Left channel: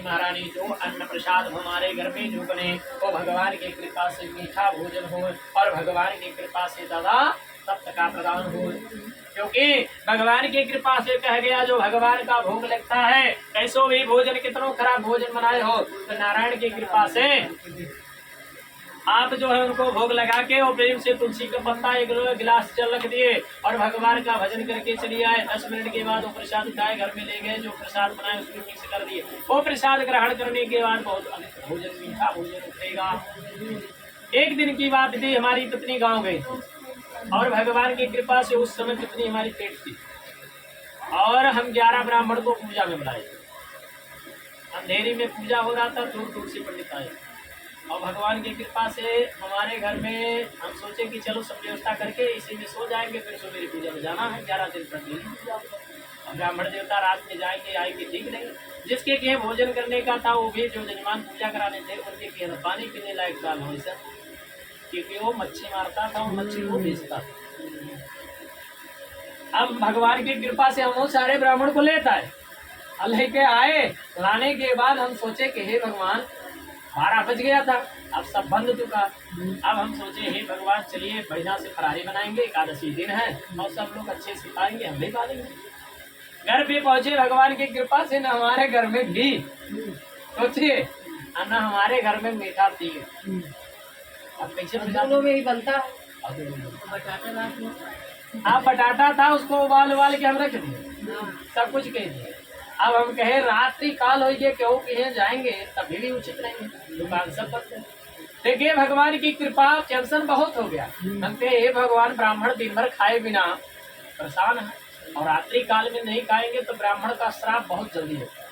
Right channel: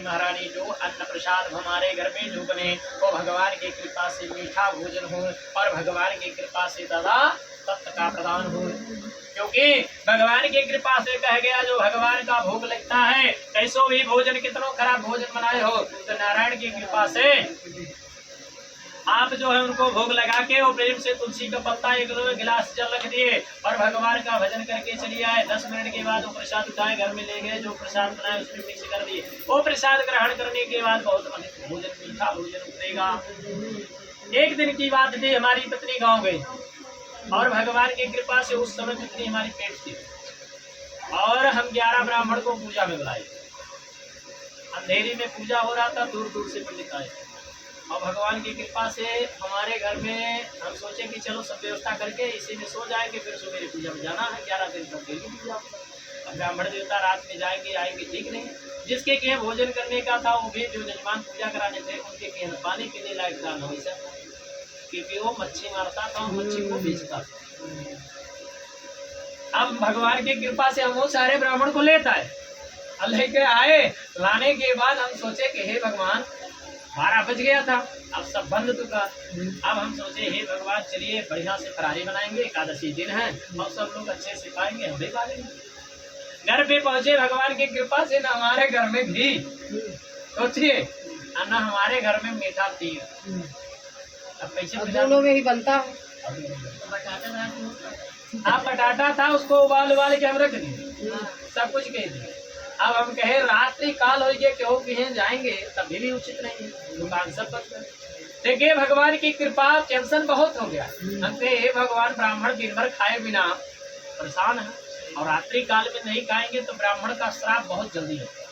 पत्नी महारानी जो अन्न प्रसाद हमारे घर में जो बने वो भगवान की कृपा से मीठा भोजन हो और भगवान की कृपा से दादा तत्व का प्रदान हो, क्योंकि भगवान की कृपा से कह गया जो भगवान का भोग लगता है कैसो भी भोजन कितनों खराब भोजन बनाए हो तो नारायण की कृपा से आप जो है उनको भोग लगा के और प्रेम से तुलसी का पत्ता एक गिलास जल रख दिए और भगवान का भजन करके चलिए आए। 10 मिनट के बाद वो प्रसाद उठाए घर में ले गए, जो प्रसाद बनाए उसमें मिक्स कर दिए। वो प्रसाद ग्रहण करने के बाद बहुत अमित भोजन मीठा भोजन उतरेगा। एक दिन की बात थी, हमारी पत्नी गाँव गई और भगवान की कृपा से उस समय पत्नी हमारी पेट थी और हम 11 ब्राह्मण को पूजा में बुलाए। अंधेरी में पूजा हो रहा था, दूर दूर से पंडित आए और भगवान की कृपा से हमारे घर में हम सोचे कि चलो सब व्यवस्था करके इसी में सो जाएंगे, फिर सुबह पूजा में जाना है। 11 दिन तक डेली पूजा होगा। अब ब्राह्मण देवता रात में जाएंगे आएंगे ठीक नहीं। जिसके के भोजन करने का था वो भी जो जजमान पूजा कराने थे उनके के पानी पीने लायक था नहीं सर, क्योंकि वो मच्छी मारता था और मच्छी को बेचता था। अब भगवान की कृपा से हम वो सारे ब्राह्मण को लेता है लेके आए। लाने के बाद हम सोचे कि हे भगवान 12 बज गया था, अब सब बंद चुका। अब हम सोचे हे भगवान चलिए बढ़िया से फरारी बनाएंगे, एकादशी दिन है और सब लोग अच्छे से पाएंगे, हम भी पाएंगे। घर पे पहुंचे, भगवान की कृपा से न हमारे घर में घी सोचिए और न हमारे घर में मीठा तेल। अब कैसे दोनों में ही बनता है। आप बटाटा था उसको उबाल के हम रख दिए, सब कुछ कह दिए। अब हम कहे रात्रि काल हो गए क्यों कहीं जाएंगे तभी भी उचित नहीं है, दुकान सब बंद है। देखिए भगवान की कृपा, टेंशन बहुत हो गया। हम कहे हे भगवान ब्राह्मण दिन भर खाए बिना परेशान है और रात्रि काल में नहीं खाएंगे तो ब्राह्मण का श्राप बहुत जल्दी होता है।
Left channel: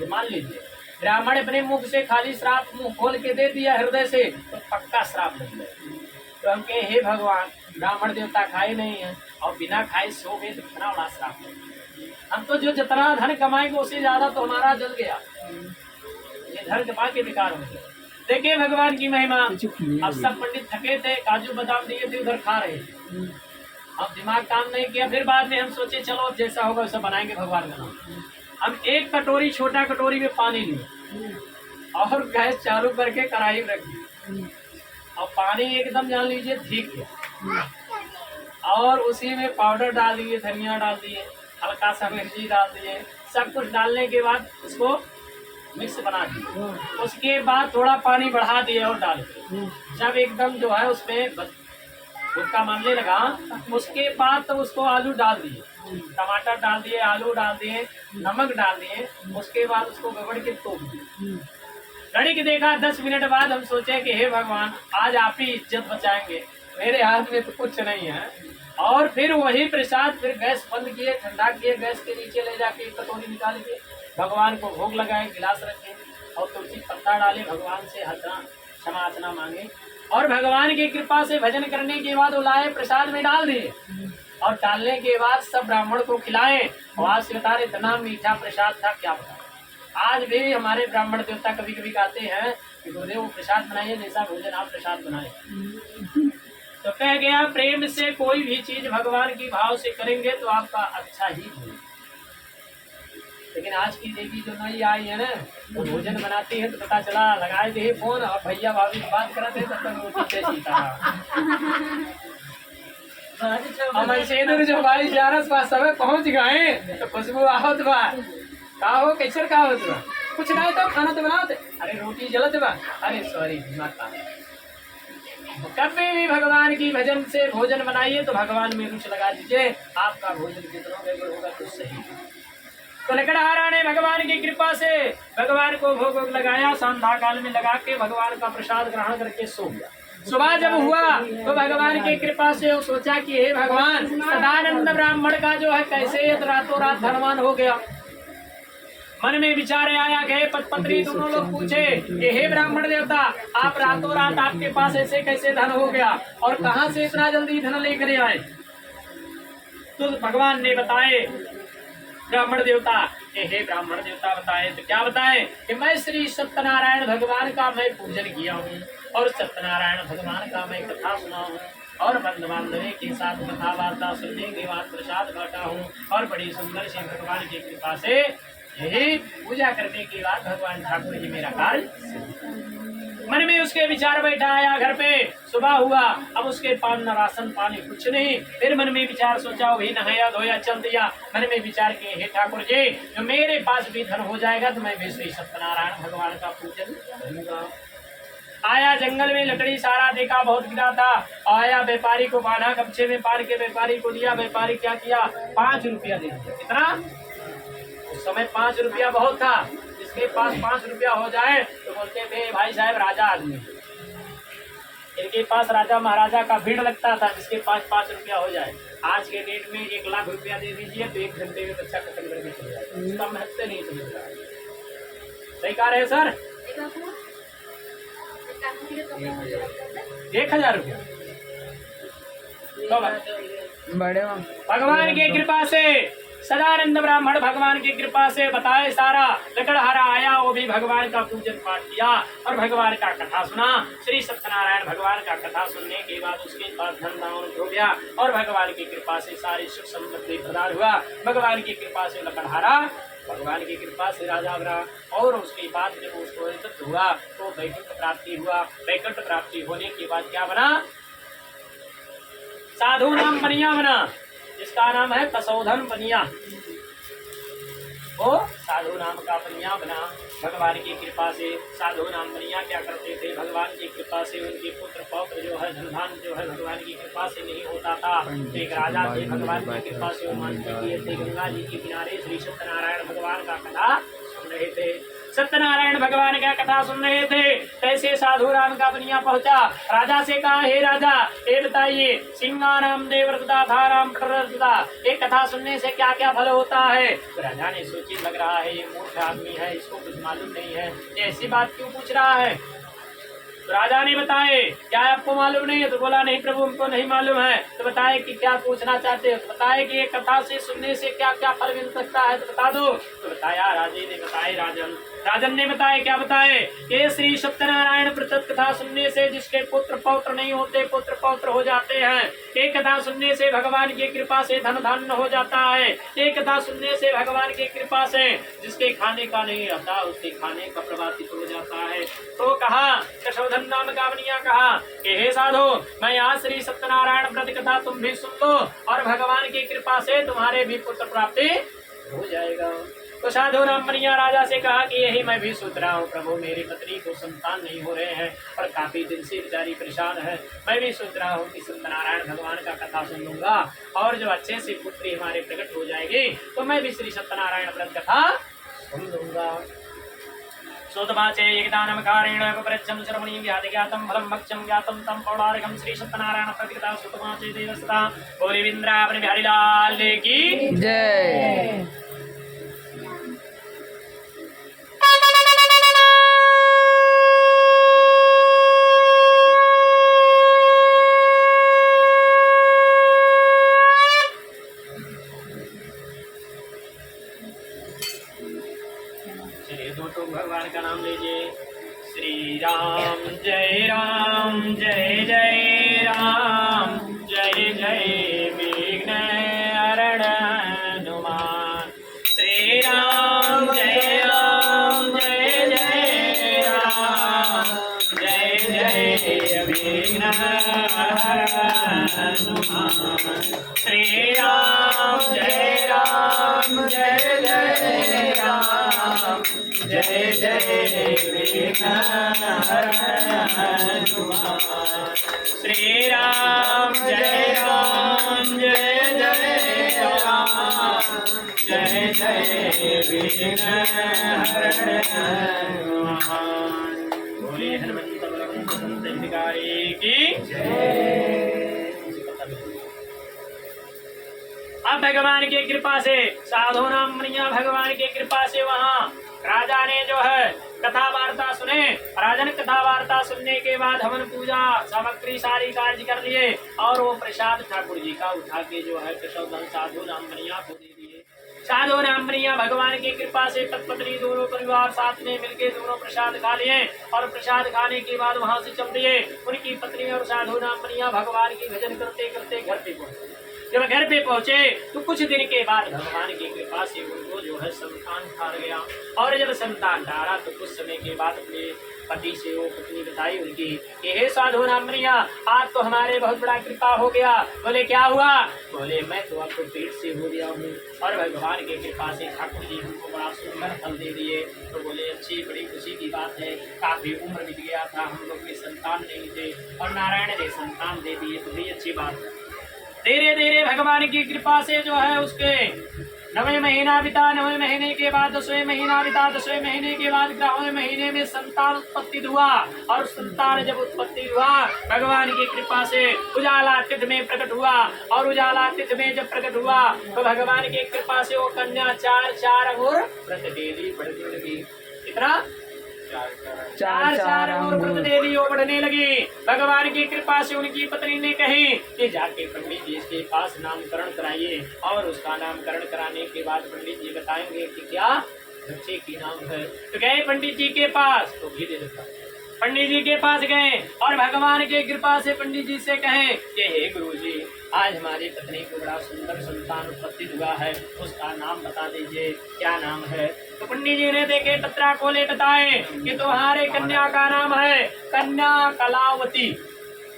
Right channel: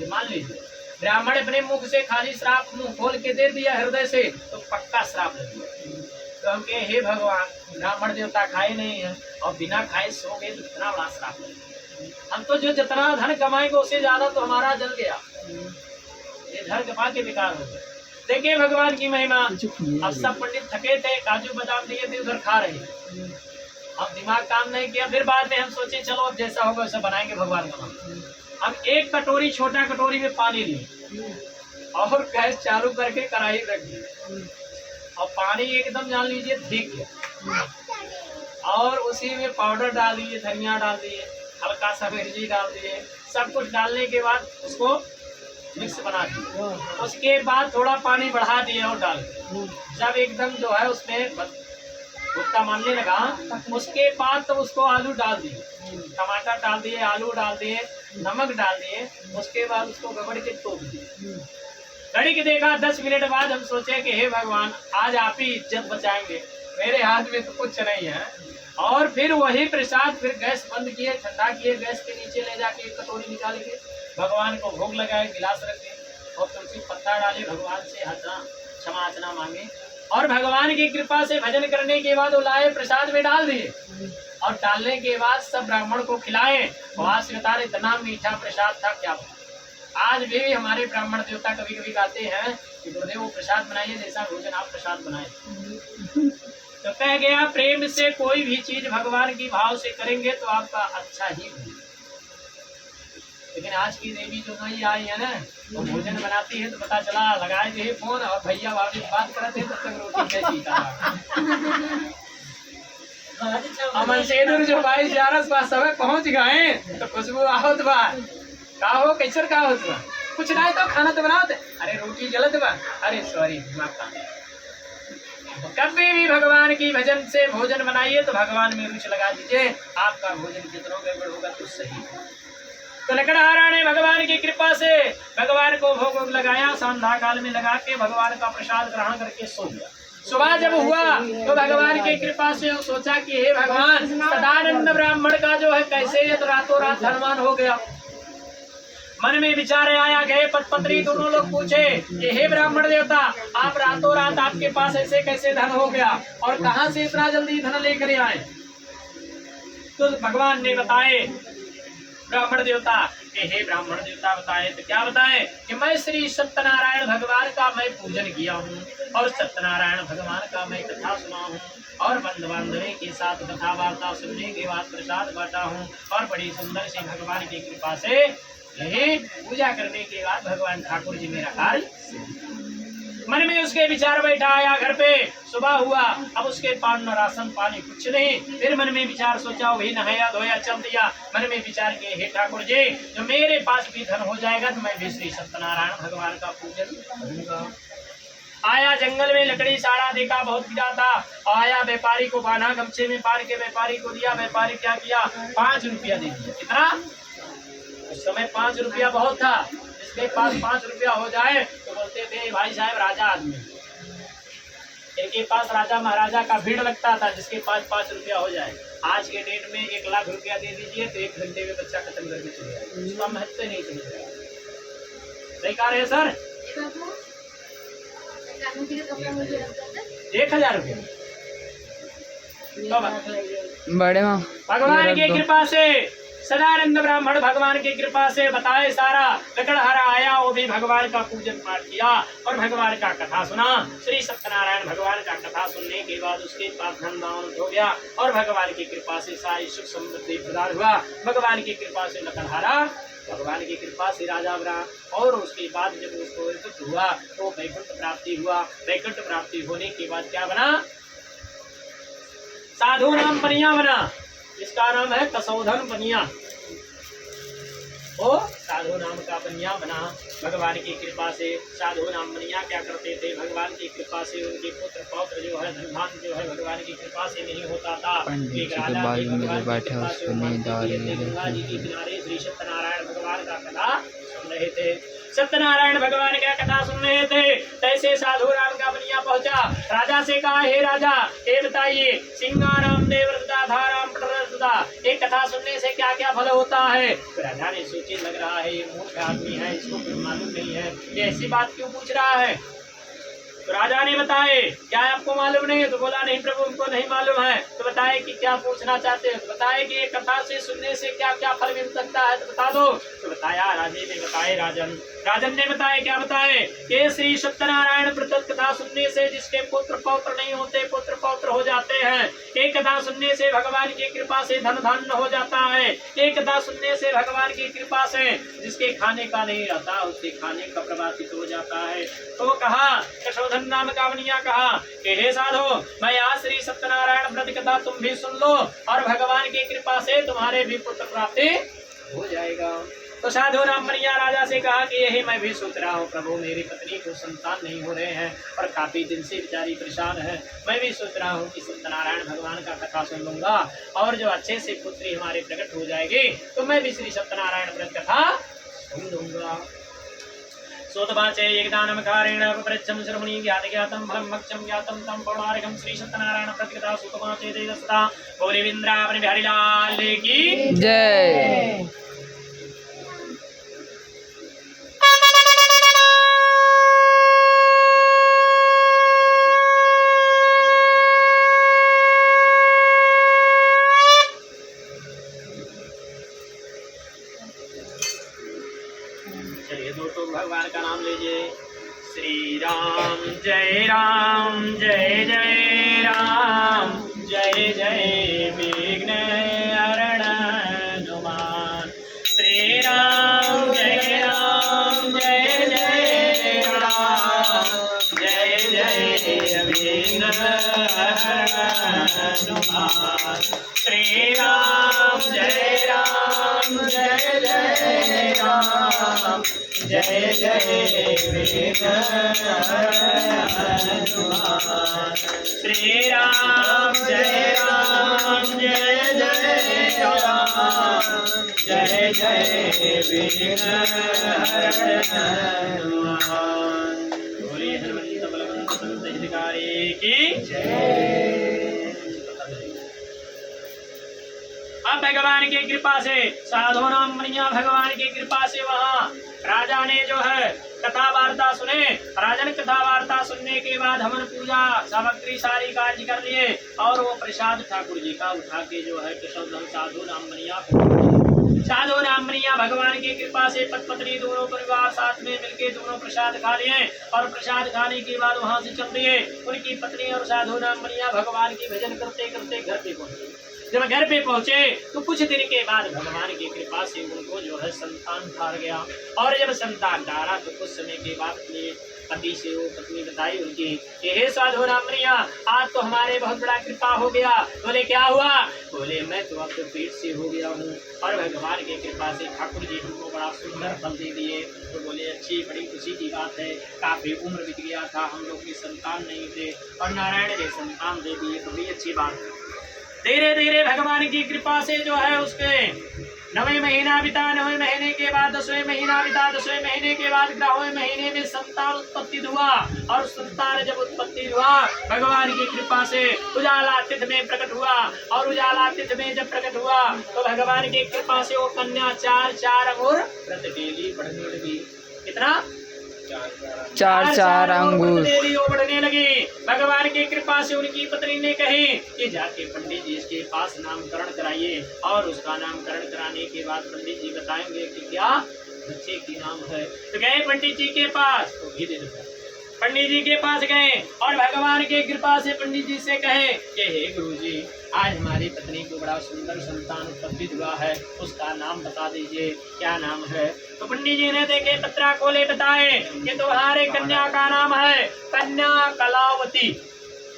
ये मान लीजिए ब्राह्मण अपने मुख से खाली श्राप मुंह खोल के दे दिया हृदय से तो पक्का श्राप लग गया। तो हम कहे हे भगवान ब्राह्मण देवता खाए नहीं है और बिना खाए सो गए तो कितना बड़ा श्राप है। हम तो जो जितना धन कमाएंगे उससे ज्यादा तो हमारा जल गया, ये धन कमा के बेकार हो गया। देखिए भगवान की महिमा। अब सब पंडित थके थे, काजू बादाम दिए थे उधर खा रहे थे। अब दिमाग काम नहीं किया, फिर बाद में हम सोचे चलो अब जैसा होगा वैसा बनाएंगे भगवान का नाम। हम एक कटोरी छोटा कटोरी में पानी लिए और गैस चालू करके कढ़ाई रख दी और पानी एकदम जान लीजिए ठीक गया और उसी में पाउडर डाल दिए, धनिया डाल दिए, हल्का सा मिर्ची डाल दिए, सब कुछ डालने के बाद उसको मिक्स बना दिए। उसके बाद थोड़ा पानी बढ़ा दिए और डाल दिए। जब एकदम जो है उसमें गुटका मारने लगा उसके बाद तो उसको आलू डाल दिए, टमाटर डाल दिए, आलू डाल दिए, नमक डाल दिए। उसके बाद उसको गबड़ के तोप दिए। घड़ी के देखा 10 मिनट बाद हम सोचे कि हे भगवान आज आप ही इज्जत बचाएंगे, मेरे हाथ में तो कुछ नहीं है। और फिर वही प्रसाद फिर गैस बंद किए, ठंडा किए, गैस के नीचे ले जाके एक कटोरी निकाल के भगवान को भोग लगाए, गिलास रखे और तुलसी पत्ता डाले, भगवान से हतना क्षमा याचना मांगे और भगवान की कृपा से भजन करने के बाद वो लाए प्रसाद में डाल दिए और डालने के बाद सब ब्राह्मण को खिलाए। वहां से बता रहे इतना मीठा प्रसाद था क्या बता। आज भी हमारे ब्राह्मण देवता कभी कभी कहते हैं कि गुरुदेव वो प्रसाद बनाइए जैसा भोजन आप प्रसाद बनाए। तो कह गया प्रेम से कोई भी चीज भगवान की भाव से करेंगे तो आपका अच्छा ही होगा। लेकिन आज की देवी जो नई आई है ना वो भोजन बनाती है तो पता चला लगाए थे फोन और भैया भाभी बात करते तब तक रोटी कैसी था। अमन सेदुर जो भाई ग्यारह पास समय पहुंच गए तो खुशबू आवत बा का हो कैसर का होत बा कुछ ना तो खाना तो बनाओ थे। अरे रोटी जलत बा, अरे सॉरी दिमाग। कभी भी भगवान की भजन से भोजन बनाइए तो भगवान में रुचि लगा दीजिए, आपका भोजन कितना गड़बड़ होगा तो सही। तो लकड़हारा ने भगवान की कृपा से भगवान को भोग लगाया, संध्या काल में लगा के भगवान का प्रसाद ग्रहण करके सो गया। सुबह जब हुआ तो भगवान की कृपा से वो सोचा कि हे भगवान सदानंद ब्राह्मण का जो है कैसे ये तो रातों रात धनवान हो गया। मन में विचार आया, गए पत्नी दोनों लोग पूछे कि हे ब्राह्मण देवता आप रातों रात आपके पास ऐसे कैसे धन हो गया और कहां से इतना जल्दी धन लेकर आए। तो भगवान ने बताए ब्राह्मण देवता कि हे ब्राह्मण देवता बताए तो क्या बताए कि मैं श्री सत्यनारायण भगवान का मैं पूजन किया हूँ और सत्यनारायण भगवान का मैं कथा सुना हूँ और बंधु बांधवे के साथ कथा वार्ता सुनने के बाद प्रसाद बांटा हूँ और बड़ी सुंदर से भगवान की कृपा से यही पूजा करने के बाद भगवान ठाकुर जी मेरा कार्य। मन में उसके विचार बैठा आया, घर पे सुबह हुआ, अब उसके पास न राशन पानी कुछ नहीं। फिर मन में विचार सोचा, वही नहाया धोया चल दिया। मन में विचार किए, हे ठाकुर जी, जो मेरे पास भी धन हो जाएगा तो मैं भी श्री सत्यनारायण भगवान का पूजन करूंगा। आया जंगल में, लकड़ी सारा देखा, बहुत गिरा था। आया व्यापारी को बांधा, गमछे में बांध के व्यापारी को दिया। व्यापारी क्या किया, 5 रुपया दे दिया। कितना? उस समय 5 रुपया बहुत था। जिसके पास 5 रुपया हो जाए तो बोलते थे भाई साहब राजा आदमी। इनके पास राजा महाराजा का भीड़ लगता था, जिसके पास 5 रुपया हो जाए। आज के डेट में 1 लाख रुपया दे दीजिए तो 1 घंटे में बच्चा खत्म करके चले जाएगा। उसका महत्व नहीं समझ रहा। सही कह रहे हैं सर? 1000 रुपया बड़े भगवान की कृपा से, सदानंद ब्राह्मण भगवान की कृपा से बताए सारा। लकड़हारा आया, वो भी भगवान का पूजन पाठ किया और भगवान का कथा सुना। श्री सत्यनारायण भगवान का कथा सुनने के बाद उसके पास धन दान हो गया और भगवान की कृपा से सारी सुख समृद्धि प्रदान हुआ। भगवान की कृपा से लकड़हारा, भगवान की कृपा से राजा बना और उसके बाद जब उसको तृप्त हुआ तो वैकुंठ प्राप्ति हुआ। वैकुंठ प्राप्ति होने के बाद क्या बना, साधु नाम बनिया बना, जिसका नाम है कसौधन बनिया। वो साधु नाम का बनिया बना भगवान की कृपा से। साधु नाम बनिया क्या करते थे, भगवान की कृपा से उनके पुत्र पौत्र जो है, धन धान जो है भगवान की कृपा से नहीं होता था। एक राजा थे, भगवान की कृपा से गंगा जी के किनारे श्री सत्यनारायण भगवान का कथा सुन रहे थे। सत्यनारायण भगवान का कथा सुन रहे थे, तैसे साधु राम का बनिया पहुंचा। राजा से कहा, हे राजा, ये बताइए, सिंगाराम देवव्रता धाराम प्रदता, एक कथा सुनने से क्या क्या फल होता है? तो राजा ने सोचे, लग रहा है ये मूर्ख आदमी है, इसको कुछ मालूम नहीं है, ये ऐसी बात क्यों पूछ रहा है? तो राजा ने बताए, क्या आपको मालूम नहीं है? तो बोला, नहीं प्रभु, हमको नहीं मालूम है। तो बताए कि क्या पूछना चाहते हो? तो बताए कि ये कथा से सुनने से क्या क्या फल मिल सकता है, तो बता दो। तो बताया, राजे ने बताए, राजन ने बताए, क्या बताए? ये श्री सत्यनारायण व्रत कथा सुनने से जिसके पुत्र पौत्र नहीं होते, पुत्र पौत्र हो जाते हैं। एक कथा सुनने से भगवान की कृपा से धन धान्य हो जाता है। एक कथा सुनने से भगवान की कृपा से जिसके खाने का नहीं रहता, उसके खाने का प्रभावित हो जाता है। तो कहा, कसौधन नाम का बनिया कहा कि हे साधु, मैं आज श्री सत्यनारायण व्रत कथा तुम भी सुन लो और भगवान की कृपा से तुम्हारे भी पुत्र प्राप्ति हो जाएगा। तो साधु राम बनिया राजा से कहा कि यही मैं भी सोच रहा हूँ प्रभु, मेरी पत्नी को संतान नहीं हो रहे हैं और काफी दिन से बेचारी परेशान है। मैं भी सोच रहा हूँ कि सत्यनारायण भगवान का कथा सुन लूंगा और जो अच्छे से पुत्री हमारे प्रकट हो जाएगी तो मैं भी श्री सत्यनारायण व्रत कथा सुन लूंगा। सोतवाचे एकदानम कारेण अपप्रच्छं श्रवणी ज्ञातम फलम भक्षं ज्ञातम तम पौराणिकं श्री सत्यनारायण प्रतिकथा सोतवाचे देवसदा। बोले वृंदावन बिहारी लाल की जय। भगवान का नाम लीजिए। श्री राम जय राम, जय जय राम, जय जय विघ्न हरण हनुमान। श्री राम जय राम, जय जय राम, जय जय विघ्न हरण हनुमान। श्री राम जय राम, जय जय राम, जय जय विघ्न हरण हनुमान। श्री राम जय राम, जय जय राम, जय जय विघ्न हरण हनुमान। बोले हनुमंत बलवंत संत हितकारी की जय। अब भगवान की कृपा से साधु नाम बनिया भगवान की कृपा से वहाँ राजा ने जो है कथा वार्ता सुने। राजन कथा वार्ता सुनने के बाद हवन पूजा सामग्री सारी कार्य कर लिए और वो प्रसाद ठाकुर जी का उठा के जो है कसौधन साधु नाम बनिया साधु नाम बनिया भगवान की कृपा से पत्नी दोनों परिवार साथ में मिलके दोनों प्रसाद खा लिए और प्रसाद खाने के बाद वहाँ से चल दिए। उनकी पत्नी और साधु नाम बनिया भगवान की भजन करते करते घर पे पहुंचे। जब घर पे पहुंचे तो कुछ दिन के बाद भगवान की कृपा से उनको जो है संतान ठार गया। और जब संतान ठारा तो कुछ समय के बाद अपने पति से वो पत्नी बताई उनकी कि हे साधु रामरिया, आज तो हमारे बहुत बड़ा कृपा हो गया। बोले क्या हुआ? बोले मैं तो अब तो पेट से हो गया हूँ और भगवान की कृपा से ठाकुर जी हमको बड़ा सुंदर फल दे दिए। तो बोले अच्छी बड़ी खुशी की बात है, काफी उम्र बीत गया था, हम लोग के संतान नहीं थे और नारायण ने संतान दे दिए, तो भी अच्छी बात है। धीरे धीरे भगवान की कृपा से जो है उसके 9वें महीना बिता, 9वें महीने के बाद 10वें महीना बिता, 10वें महीने के बाद 11वें महीने में संतान उत्पत्ति हुआ। और संतान जब उत्पत्ति हुआ भगवान की कृपा से उजाला तिथि में प्रकट हुआ। और उजाला तिथि में जब प्रकट हुआ तो भगवान की कृपा से वो कन्या 4 अंगूर व्रत डेली बढ़ने लगी। कितना? 4 अंगूर देवी वो बढ़ने लगी। भगवान की कृपा से उनकी पत्नी ने कही कि जाके पंडित जी के पास नामकरण कराइए। और उसका नामकरण कराने के बाद पंडित जी बताएंगे कि क्या बच्चे की नाम है। तो गए पंडित जी के पास, तो भी दे देता। पंडित जी के पास गए और भगवान की कृपा से पंडित जी से कहे कि हे गुरुजी, आज हमारी पत्नी को बड़ा सुंदर संतान उत्पत्ति हुआ है, उसका नाम बता दीजिए, क्या नाम है। तो पंडित जी ने देखे पत्रा खोले, बताए कि तुम्हारे कन्या का नाम है कन्या कलावती।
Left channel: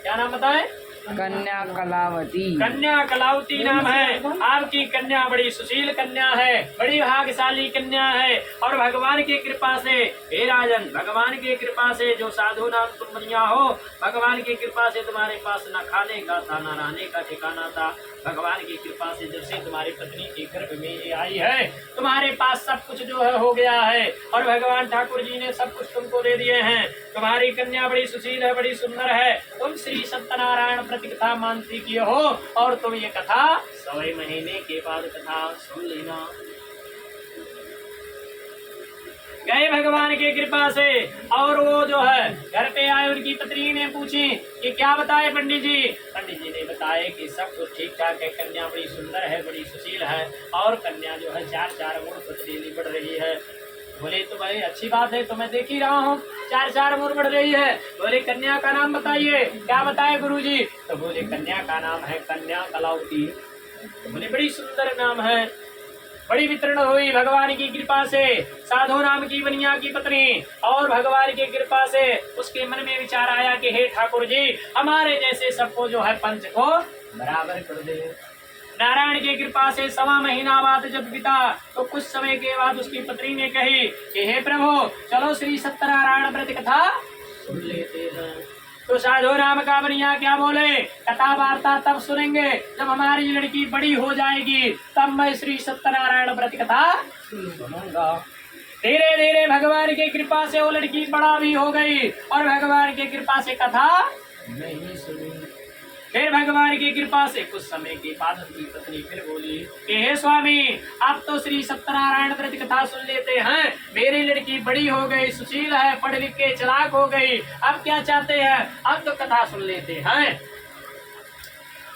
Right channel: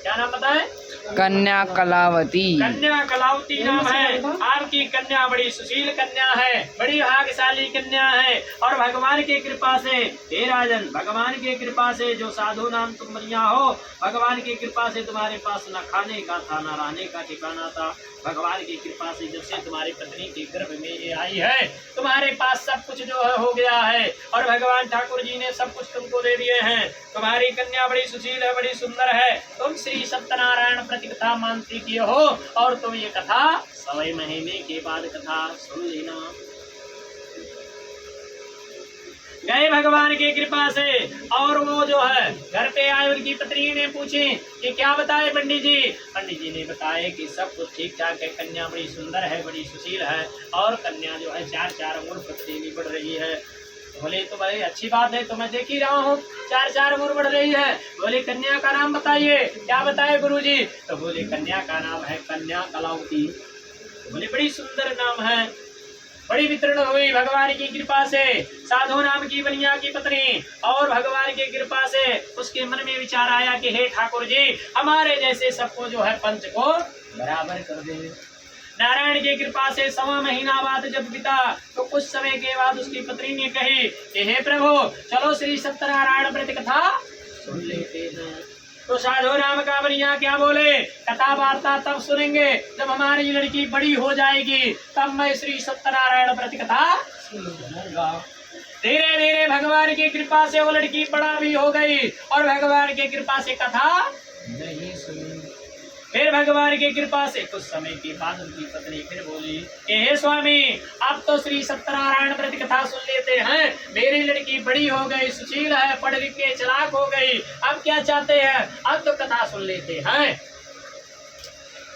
क्या नाम बताए? कन्या कलावती। कन्या कलावती नाम है। आपकी कन्या बड़ी सुशील कन्या है, बड़ी भाग्यशाली कन्या है। और भगवान की कृपा से हे राजन, भगवान की कृपा से जो साधु नाम तुम बनिया हो, भगवान की कृपा से तुम्हारे पास न खाने का था न रहने का ठिकाना था। भगवान की कृपा से जब से तुम्हारी पत्नी के गर्भ में ये आई है, तुम्हारे पास सब कुछ जो है हो गया है। और भगवान ठाकुर जी ने सब कुछ तुमको दे दिए हैं। तुम्हारी कन्या बड़ी सुशील है, बड़ी सुंदर है। तुम श्री सत्यनारायण प्रति कथा मानती की हो और तुम ये कथा 100 महीने के बाद कथा सुन लेना। गए भगवान की कृपा से और वो जो है घर पे आए, उनकी पत्नी ने पूछी कि क्या बताए पंडित जी। पंडित जी ने बताया कि सब कुछ ठीक ठाक है, कन्या बड़ी सुंदर है, बड़ी सुशील है और कन्या जो है 4 अंगूर प्रतिदिन बढ़ रही है। बोले तो भाई अच्छी बात है, तो मैं देख ही रहा हूँ 4 अंगूर बढ़ रही है। बोले कन्या का नाम बताइए। क्या बताए गुरुजी? तो बोले कन्या का नाम है कन्या कलावती। तो बोले बड़ी सुंदर नाम है। बड़ी वितरण हुई भगवान की कृपा से। साधु नाम की बनिया की पत्नी और भगवान की कृपा से उसके मन में विचार आया कि हे ठाकुर जी, हमारे जैसे सबको जो है पंच को बराबर कर दे। नारायण की कृपा से 1.25 महीना बाद जब बीता तो कुछ समय के बाद उसकी पत्नी ने कही कि हे प्रभु, चलो श्री सत्यनारायण व्रत कथा सुन लेते हैं। तो साधु राम का बनिया क्या बोले, कथा वार्ता तब सुनेंगे जब हमारी लड़की बड़ी हो जाएगी, तब मैं श्री सत्यनारायण व्रत कथा सुनूंगा। धीरे धीरे भगवान की कृपा से वो लड़की बड़ा भी हो गई और भगवान की कृपा से कथा नहीं सुनी। फिर भगवान की कृपा से कुछ समय के बाद उनकी पत्नी फिर बोली कि हे स्वामी, अब तो श्री सत्यनारायण व्रत कथा सुन लेते हैं। मेरी लड़की बड़ी हो गई, सुशील है, पढ़ लिख के चालाक हो गई, अब क्या चाहते हैं, अब तो कथा सुन लेते हैं।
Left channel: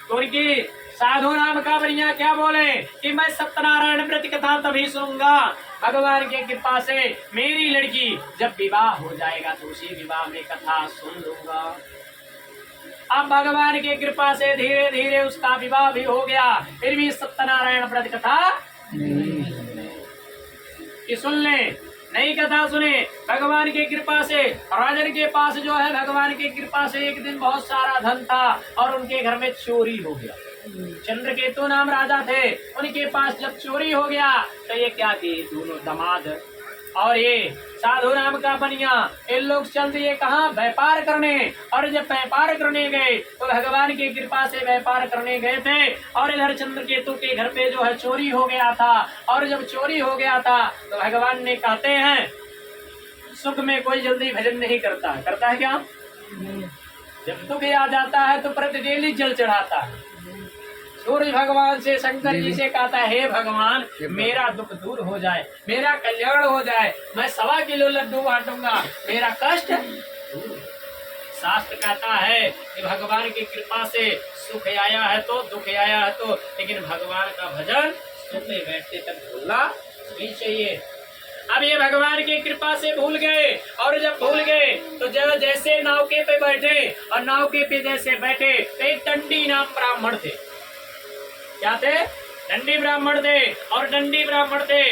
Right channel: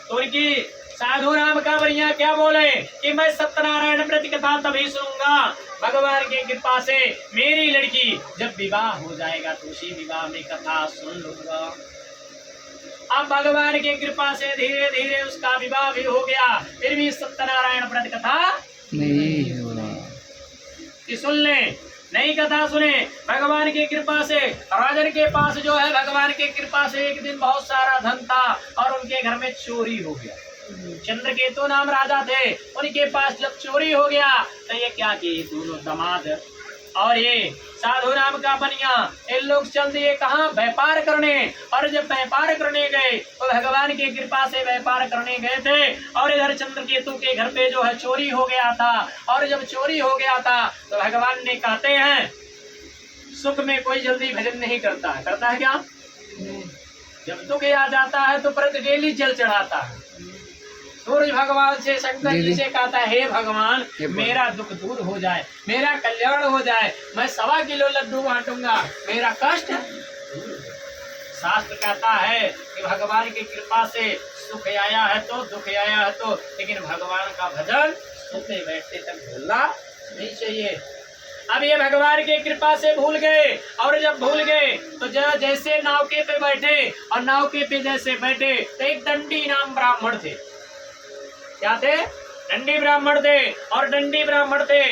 तो उनकी साधु राम का बनिया क्या बोले कि मैं सत्यनारायण व्रत कथा तभी सुनूंगा भगवान की कृपा से मेरी लड़की जब विवाह हो जाएगा तो उसी विवाह में कथा सुन लूंगा। अब भगवान की कृपा से धीरे धीरे उसका विवाह भी हो गया, फिर भी सत्यनारायण व्रत कथा नहीं सुन ले, नई कथा सुने। भगवान की कृपा से राजन के पास जो है भगवान की कृपा से एक दिन बहुत सारा धन था और उनके घर में चोरी हो गया। चंद्रकेतु नाम राजा थे, उनके पास जब चोरी हो गया तो ये क्या किए, दोनों दामाद और ये साधु राम का बनिया इन लोग चल दिए कहाँ, व्यापार करने। और जब व्यापार करने गए तो भगवान की कृपा से व्यापार करने गए थे और इधर चंद्रकेतु के घर पे जो है चोरी हो गया था। और जब चोरी हो गया था तो भगवान ने कहते हैं सुख में कोई जल्दी भजन नहीं करता, करता है क्या? जब दुख आ जाता है तो प्रति डेली जल चढ़ाता है। सूर्य भगवान से शंकर जी से कहता है हे भगवान, मेरा दुख दूर हो जाए, मेरा कल्याण हो जाए, मैं 1.25 किलो लड्डू बांटूंगा, मेरा कष्ट। शास्त्र कहता है कि भगवान की कृपा से सुख आया है तो दुख आया है तो, लेकिन भगवान का भजन सोते बैठते तक भूलना नहीं चाहिए। अब ये भगवान की कृपा से भूल गए और जब भूल गए तो जैसे नावके पे बैठे और नावके पे जैसे बैठे तो एक दंडी नाम ब्राह्मण थे। क्या थे? दंडी ब्राह्मण थे, और दंडी ब्राह्मण थे